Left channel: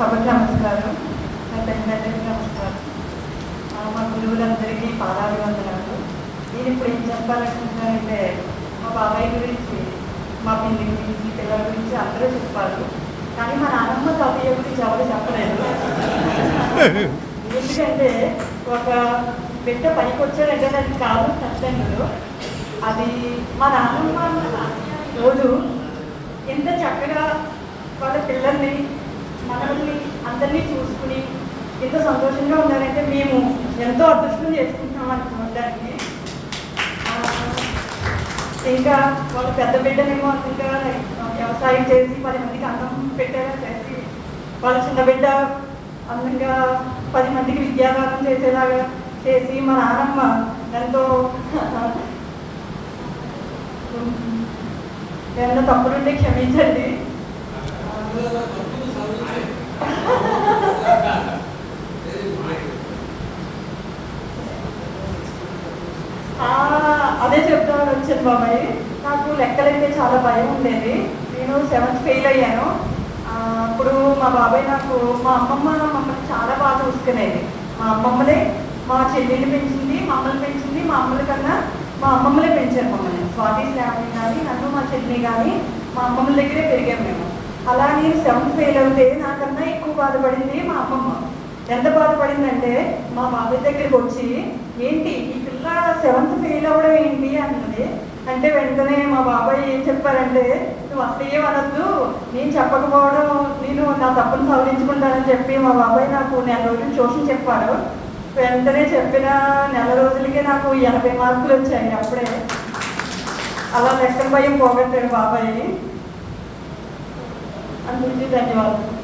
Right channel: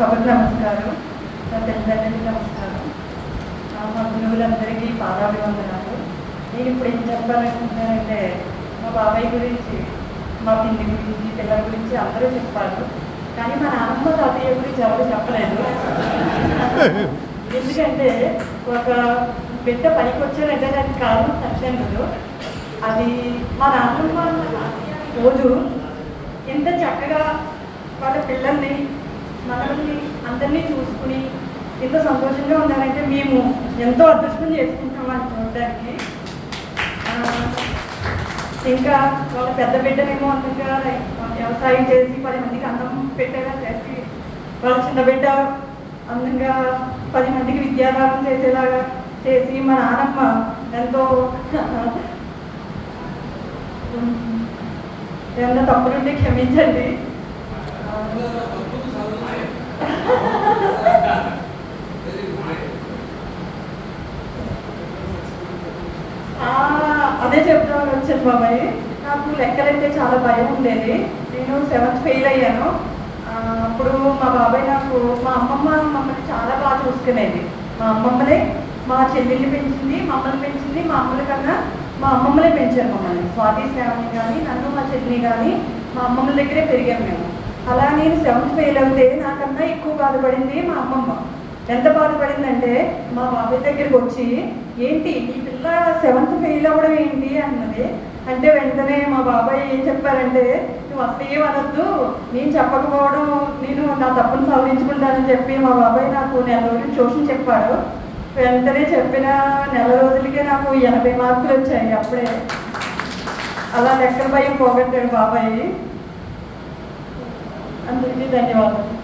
సభకు నమస్కారం, పెద్దలందరికీ నమస్కారం, మా గురువులందరికీ పాదాభివందనాలు. నేను ఇప్పుడు ఏం చెప్పాలనుకుంటున్నానంటే, మా బాబాయ్ గురించి, మా పిన్ని గురించి, పిల్లల గురించి అందరూ చెప్పారు. కానీ మా నాన్నమ్మ తాతయ్య గురించి ఎవరు చెప్పలేదు. ఎందుకంటే ఒక బిడ్డ పనికి వచ్చాడంటే దానికి కారణం తల్లిదండ్రులు. అది మా నాన్నమ్మ రోజు ఎంత చక్కగా వాళ్ళ పిల్లల్ని, మనల్ని అందరినీ చూసుకుని ఎంత సంతోషంగా ఉన్నారంటే మేము ఎంతో అదృష్టం చేసుకుంటాం అనుకోవడానికి. ఇంకా వాళ్ళ పెద్ద బిడ్డనేమో అందంగా వ్యవసాయం చేసి 10 మందికి అన్నం పెట్టేలా చేసి, వాళ్ళ చిన్న బిడ్డ అందంగా 10 మందికి విద్యాదానం చేసేలాగా చేసి, మా నాన్నమ్మ ఎంతో ఏమన్నా తప్పులుంటే క్షమించండి. అదే చెప్తామని వచ్చాను బాబాయ్. నాకు లెక్కలంటే చాలా భయం ఉండేది. నేను 7th ఫెయిల్ అయ్యాను. అప్పుడు మా బాబాయ్ నాకు, మా అమ్మమ్మ మమ్మల్ని చాలా బాగా చూసుకునేది. మా అమ్మమ్మలే మా చెల్లెల్ని పెంచింది, మమ్మల్ని పెంచింది. మా అమ్మల కన్నా మా అమ్మమ్మలే పెంచారు మమ్మల్ని. స్వాతి శ్రావణి కానీ, నన్ను మా చెల్లిని కానీ మా అమ్మమ్మల దగ్గరే పెరిగాము మేము. అలా నేను 7th ఫెయిల్ అవుతే నాకన్నా ఎక్కువ బాధపడింది మా అమ్మమ్మ. ఎంత బాధపడిందంటే, మా బాబాయ్ దగ్గరికి వచ్చి, ఏంటి ఈ పిల్ల 7th ఫెయిల్ అవ్వడం ఏంటి అన్నది. అంటే వెంటనే మా బాబాయ్ ఏం చెప్పారంటే, నువ్వు అసలు ఏమనొద్దు, నేను చెప్పకపోవడం, నేను నా తప్పును సవరించుకుంటానని చెప్పి మా బాబాయ్ నాకు 1 నెల రోజులు ట్యూషన్ చెప్పాడు. వెంటనే చెప్పిన 1 నెల రోజులకే నాకు 80 మార్కులు వచ్చాయి. అప్పుడే అలా లెక్కల భయం పోగొట్టాడు బాబాయ్. అందరికీ ధన్యవాదాలు.